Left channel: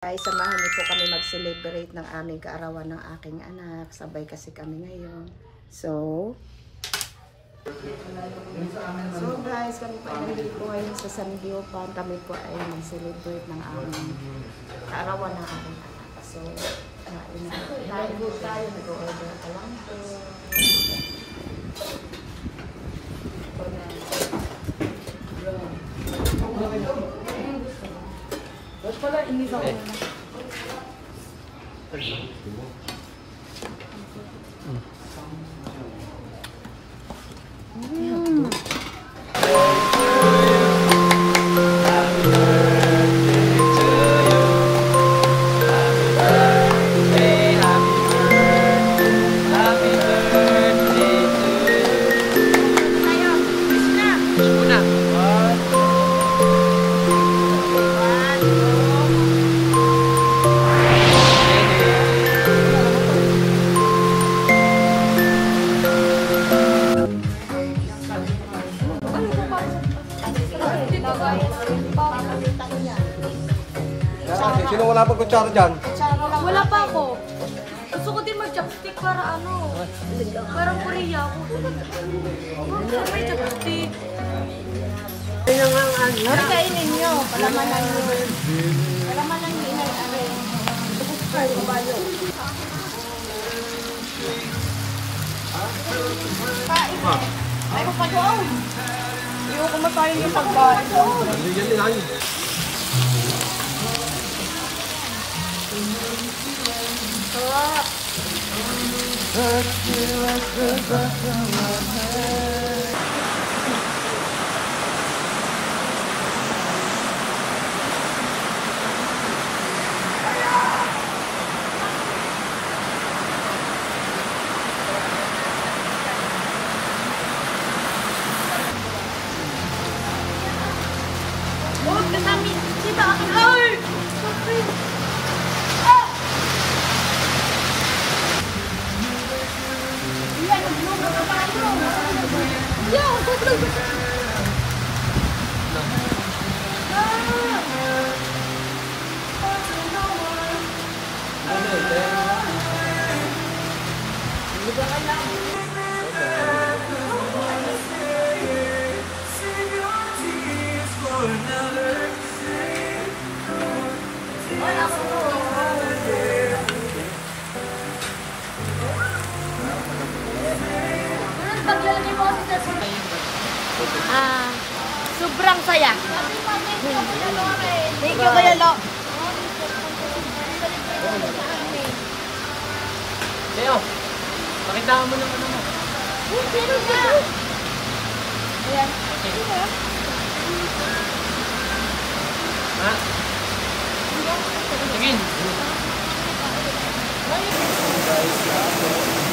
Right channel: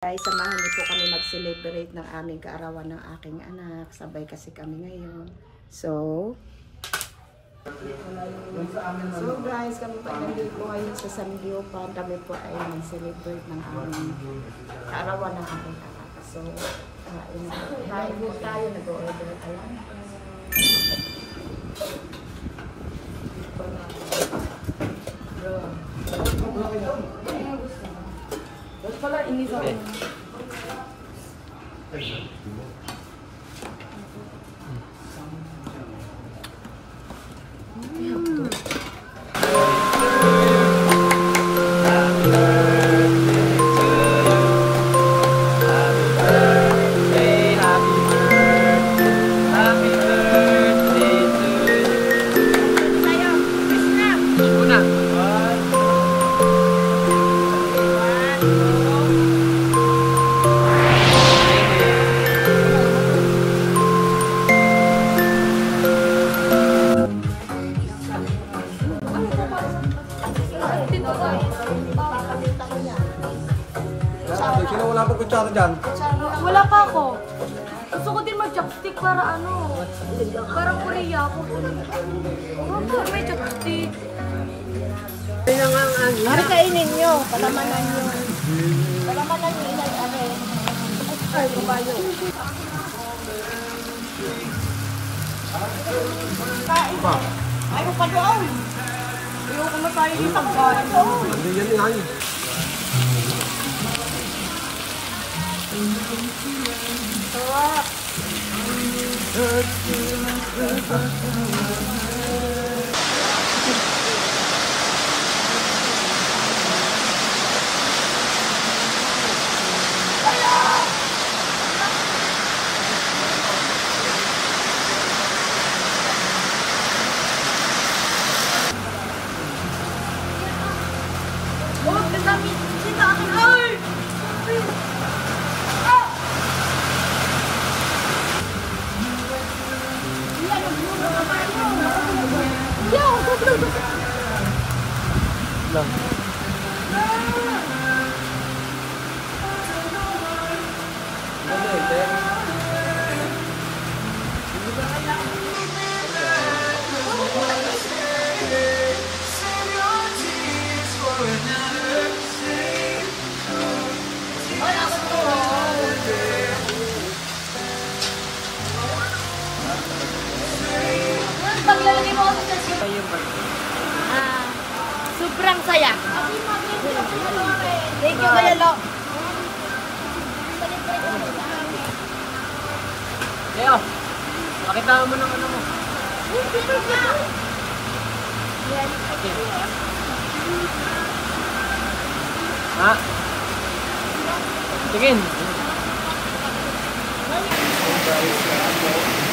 Ay, samahan niyo po kami mag-celebrate ng aming kaarawan ng aking anak. Sabay kasi kami ngayon. So guys, kami po ay nandito ngayon sa San Giopan. Kami po ay mag-celebrate ng aming kaarawan ng aking anak. So, tayo po tayo. Nag-order pa lang. Ba't pala inis ako na? Sino wala pa kutsara dyan? Wala pa ako. Gusto ko din mag-chopstick para ano. Parang Korea ako. Pero may chopstick. Ano nga ang ano? Ano kainin nyo? Palamanan nyo. Palamanan nyo na ano. Ay, kabayo. Pa? Ay, ko pa doon. Hindi ko kumakain yung pagkain doon. Hindi yan yun ay. Sarap. Oh, kasami sila aking hour. Ah! Yan, nagluto ka pa ito. Yan! Lang. Ano eh, kaya? Hindi ba kaya? Paglalagay mo ako sa sobrang saya. Thank you, Kuya Lo. Leo, pakita mo ng ano mo. Ayan. Okay. Ha? Tingin. Guys,